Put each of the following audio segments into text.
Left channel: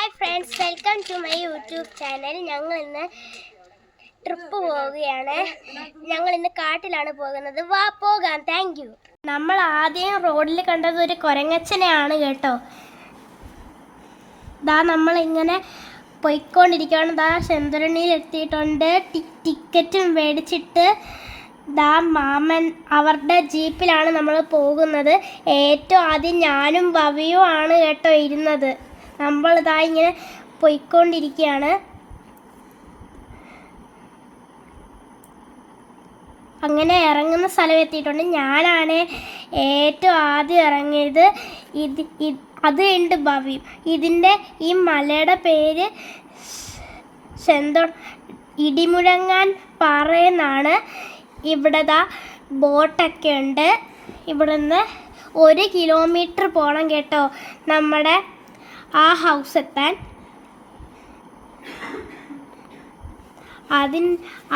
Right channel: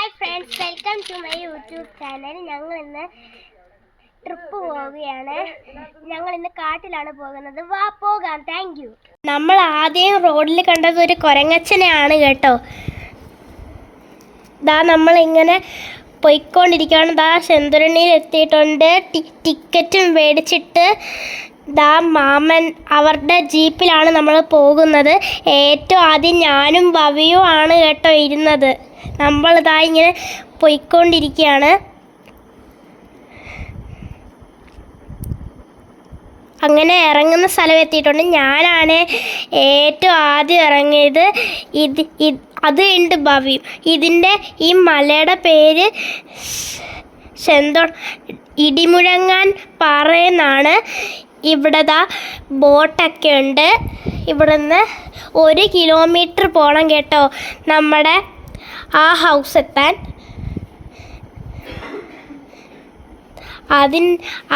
Hi friends, welcome to my YouTube channel. ഞങ്ങൾ ഇന്ന് trip പോവുകയാണ്. ഞങ്ങൾ ഇന്ന് കാട്ടിലാണ് പോകുന്നത്. വാ പോകാം. Thank you. നമ്മൾ ആദ്യം റോഡിൽ കണ്ടത് ഒരു കുരങ്ങച്ചനെയാണ് കേട്ടോ. നമ്മളിങ്ങനെ പോയിക്കൊണ്ടിരിക്കുകയാണ്. സെന്തുരണിയിൽ എത്തിയിട്ടുണ്ട്. ടിക്കറ്റും മേടിച്ചിട്ട് മാമൻ അവരുടെ ജീപ്പിലാണ് നമ്മൾ പോകുന്നത്. ഏറ്റവും ആദ്യം ഞാനും ഭവിയും ആണ് കേട്ടോ ഇരുന്നത്. ഇങ്ങനെ പോയിക്കൊണ്ടിരിക്കുകയാണ്. അങ്ങനെ ഇറങ്ങുന്ന സ്ഥലം എത്തിയിട്ടുണ്ട്. ഞാനാണ് ഏറ്റവും ആദ്യം ഇറങ്ങിയത്. അത് ഉണ്ട് ഭവിയും. ഇതിൻ്റെ ഈ മലയുടെ പേര് ഇടിമുഴങ്ങാൻ പാറ എന്നാണ്. ഇവിടെ ബോട്ടൊക്കെ ഉണ്ട്. ഇവിടുന്ന് 1 കിലോമീറ്റർ പോകണം കേട്ടോ നമ്മുടെ ആ ഹൗസ് എത്താൻ.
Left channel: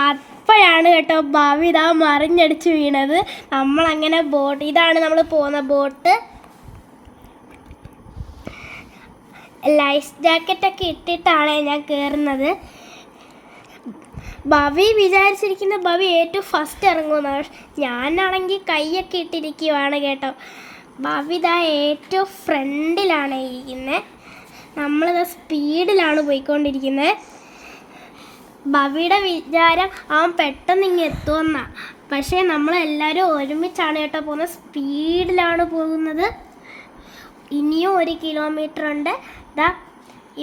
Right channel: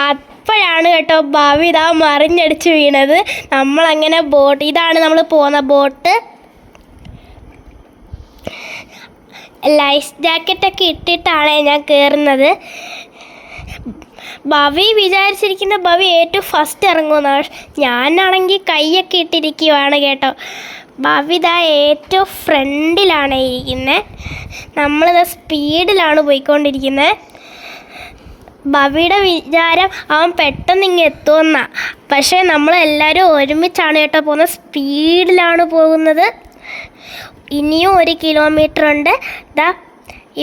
അപ്പോഴാണ് കേട്ടോ ഭവി മറിഞ്ഞടിച്ച് വീണത്. നമ്മളങ്ങനെ ഇതാണ് നമ്മൾ പോകുന്ന ബോട്ട്. ലൈഫ് ജാക്കറ്റൊക്കെ ഇട്ടിട്ടാണ് ഞാൻ കയറുന്നത്. ഭവി വിചാരിച്ചിരിക്കുന്ന ഭവി ഏറ്റവും ഫസ്റ്റ് ഇറങ്ങുമെന്നാണ്. ഞാനാണെങ്കിൽ കൈയൊക്കെ ഇട്ടിരിക്കുവാണ് കേട്ടോ. ഭവി ഏറ്റവും ഫ്രണ്ടിലാണ് ഇരിക്കുന്നത്. നമ്മളിത് സ്പീഡിലാണ് പോയിക്കൊണ്ടിരിക്കുന്നത്. ഭവിയുടെ വിചാരം അവൻ പെട്ടെന്ന് ഇങ്ങ് എത്തുമെന്നാണ്. പക്ഷേ നമ്മളെല്ലാവരും ഒരുമിച്ചാണ് കേട്ടോ പോകുന്നത്. സ്പീഡിലാണ് പോകുന്നത്. ഇനിയും 1 കിലോമീറ്റർ ഉണ്ട്.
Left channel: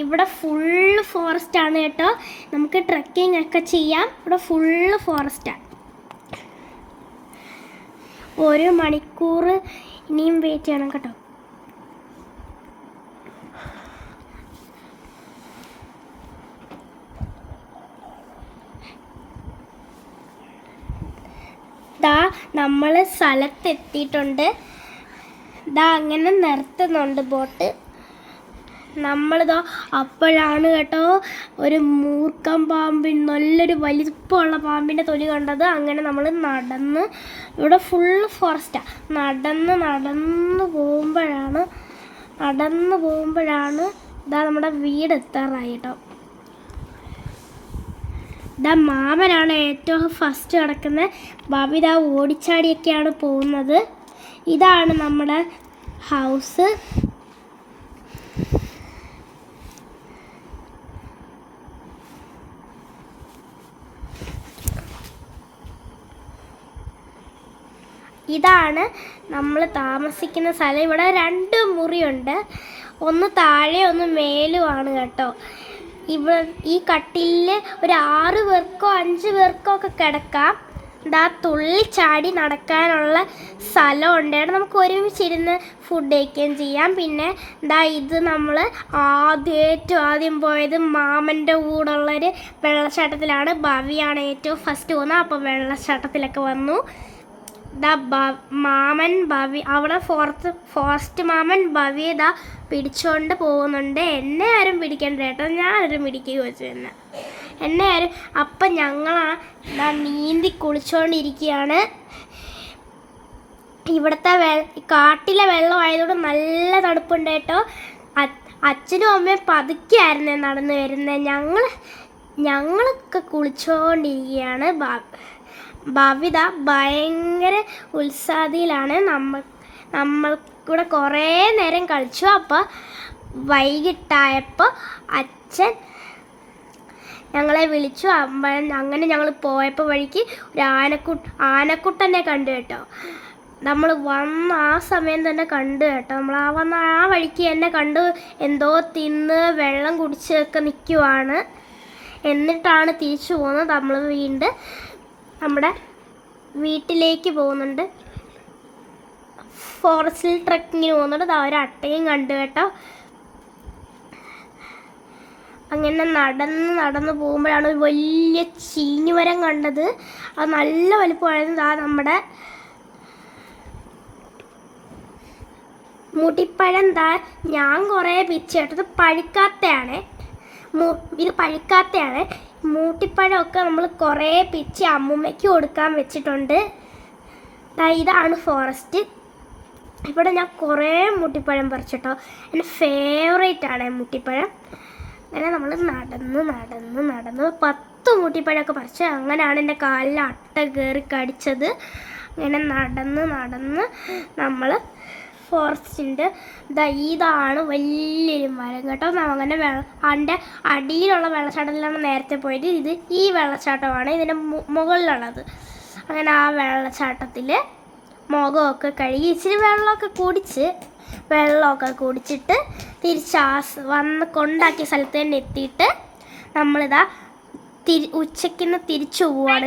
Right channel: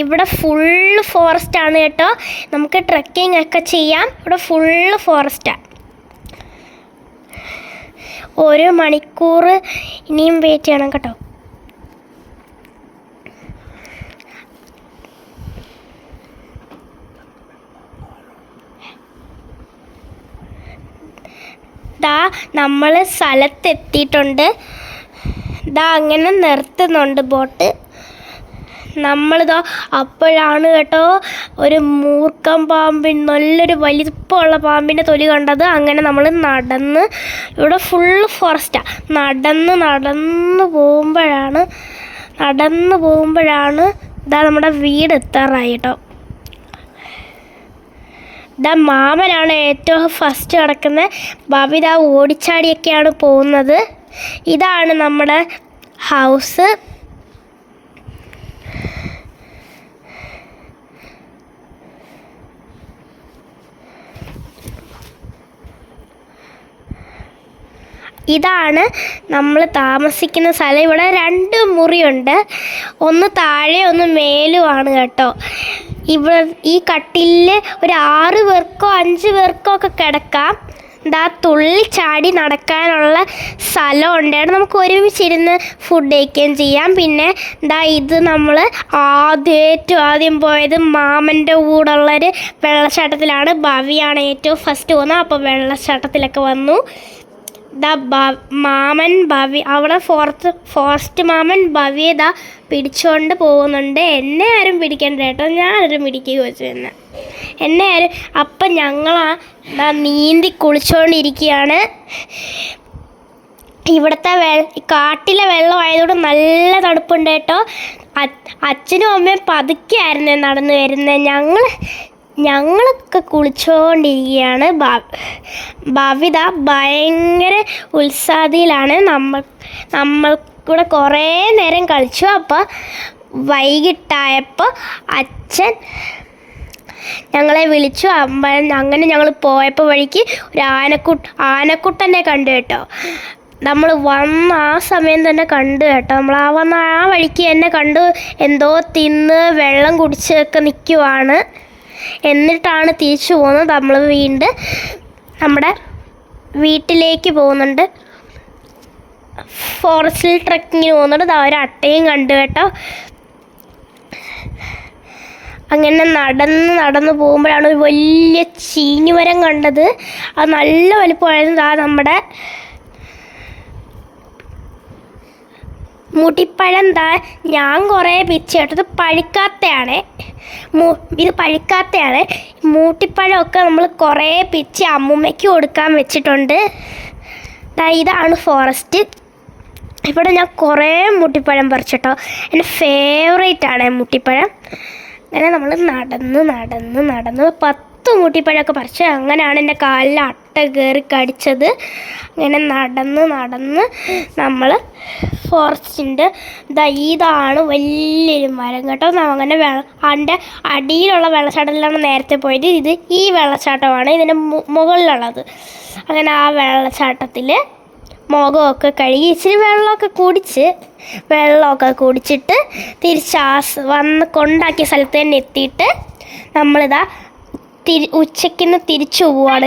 ഇവിടെ ഫുള്ള് ഫോറസ്റ്റാണ് കേട്ടോ. നമുക്ക് ട്രെക്കിംഗ് ഒക്കെ ചെയ്യാം. ഇവിടെ ഫുള്ള് ഫോറസ്റ്റാണ്. 1 മണിക്കൂർ ഇനിയും വെയിറ്റ് ചെയ്യണം കേട്ടോ. നമ്മൾ സ്ഥലത്തെത്തിയിട്ടുണ്ട്. അങ്ങനെ നിർത്തുന്നുണ്ട് ബോട്ട്. അപ്പോഴാണ് കേട്ടോ ഒരു മൂർഖൻ നല്ലൊരു വലിപ്പമുള്ള പാമ്പിൻ്റെ തൊലി കണ്ടത്. അങ്ങനെ നമ്മൾ ഇവിടെ ഫുള്ള് ഫോറസ്റ്റാണ്. നടന്ന് പോകുമ്പോഴാണ് നമ്മുടെ വീട് എത്താറായി കേട്ടോ. മാമനാണ് ഏറ്റവും ഫസ്റ്റ് കിടക്കുന്നത്. ഭവി ഓടിച്ചാടിയൊക്കെയാണ് പോകുന്നത്. ഇതാണ് നമ്മുടെ ഹൗസ്. ഇതാണ് നമ്മൾ താമസിക്കുന്ന സ്ഥലം. ഇവിടെ 2 മുറിയുണ്ട്. ഒന്ന് താഴെ ഒന്ന് മേലുമാണ് കേട്ടോ. ഇവിടെ ഈ കട്ടിലിൽ ഒരു 6 പേർക്കോ 5 പേർക്കോ ഒക്കെ കിടക്കാം. തുള്ളി ചാടി നടക്കാനുള്ള സ്ഥലമുണ്ട്. നമുക്ക് ഒരുമിച്ചിരുന്ന് ഫുഡ് കഴിക്കുകയും ചെയ്യാം. പിന്നെ ഇത് നമ്മൾ ഏറ്റവും ആദ്യം പോയത് മാമൻ്റെ കൂടെയുള്ളൊരു വെള്ളച്ചാട്ടത്തിലാണ്. ഭവിയാണ് ഏറ്റവും ഫസ്റ്റ് പോകുന്നത്. അപ്പോൾ വെള്ളച്ചാട്ടത്തിലൊക്കെ വന്നു. മാമൻ ഭവി അവിടെ ഫോറസ്റ്റ് മാമൻ ഭവിയെ പിടിച്ചുകൊണ്ട് പോകുന്നുണ്ട്. എന്നെ ആരും പിടിക്കണ്ട കേട്ടോ. ഞാനൊരു മിടിക്ക് വെച്ചു എന്നെ ആരും. അപ്പം ഞങ്ങളാ നീന്തി കുളിച്ചുകൊണ്ടിരിക്കുകയാണ്. ഇവിടുത്തെ കാട്ടിലെ വെള്ളമായതുകൊണ്ട് നല്ല തണുപ്പുണ്ട് കേട്ടോ. അച്ഛനും അമ്മയും പതുക്കെയായിരുന്നു നടന്നു വരുന്നത്. ഞങ്ങളൊക്കെ കുളിച്ചുകൊണ്ടിരിക്കുകയാണ്. ഭവി ഭയങ്കര ഉത്സാഹത്തിലാണ്. നമ്മൾക്കൂടെ കുറേ നേരം കളിച്ചു. അപ്പോൾ വൈകിട്ടായപ്പോൾ അച്ഛൻ ഞങ്ങളെ വിളിച്ചു. അങ്ങനെ ഞങ്ങൾ പോയപ്പോൾ വഴിക്ക് ഒരു ആനക്കുട്ടനെ കണ്ടു കേട്ടോ. നമ്മൾ വന്ന ആ സമയം തന്നെ കണ്ടു കേട്ടോ. നമ്മൾ വന്ന ആ വഴിക്ക് തന്നെ കണ്ടു. എന്തോ തിന്ന് വെള്ളം കുടിച്ചൊക്കെ നിൽക്കുവാണ്. എന്നിട്ടാണ് തിരിച്ചു പോകുന്നത്. നമ്മൾ വീണ്ടും നമ്മുടെ വീട്ടിലേക്ക് പോകുന്നുണ്ട്. ഫോറസ്റ്റിൽ ട്രക്കിങ്ങിന് പോകുന്നുണ്ട്. ഒരു അട്ടയും കണ്ടു കേട്ടോ. അങ്ങനെ നടന്ന് പോകുമ്പോഴാണ് ഒരു വലിയ ചീനിമരം കണ്ടത്. അത് നല്ല വലിപ്പമായിരുന്നു. നമ്മുടെ മുടിപ്പഴം ഞാൻ കുറേ പിച്ച് കേട്ടോ. ഇത് പഴുക്കാത്തയാണ്. മൂട്ടിപ്പഴമൊക്കെ നമ്മൾ കുറേ പിച്ച് അമ്മൂമ്മയ്ക്ക് കൊടുക്കാൻ വെച്ചിട്ടുണ്ട്. ഇതാണ് ഫോറസ്റ്റ്. ഇവിടെ ഞാൻ കുറേ മുട്ടിപ്പഴം പറിച്ചിട്ടോ. എൻ്റെ ഫേവറേറ്റ് ആണ് മുട്ടിപ്പഴം. അങ്ങനെ നമ്മൾ നടന്ന് 10 മുട്ടിപ്പഴമൊക്കെ പറിച്ച്. അങ്ങനെയാണ് എൻ്റെ കാലിൽ അട്ട കയറി കടിച്ചത്. അങ്ങനെ നടന്ന് നമ്മൾ ഫോറസ്റ്റിൻ്റെ ഇതാണ് വലിയൊരു മരം കേട്ടോ. അങ്ങനെ അതിൻ്റെ അടിയിലുള്ള വെള്ളച്ചാട്ടത്തിലാണ് നേരത്തെ പോയത്. ഇത് ഈ വെള്ളച്ചാട്ടമാണ് ഇതിൻ്റെ മുകളിലുള്ളത്. അങ്ങനെ ആ വെള്ളച്ചാട്ടത്തിൽ മുഖമൊക്കെ കഴുകി ഇച്ചിരി വെള്ളമൊക്കെ കുടിച്ചിട്ട് തിരിച്ച് വന്ന് കൊണ്ടാക്കിയ സ്ഥലത്ത് തന്നെ എത്തിയിട്ട് നമ്മളിതാ ഉച്ചയ്ക്ക് തിരിച്ചു പോവുകയാണ്.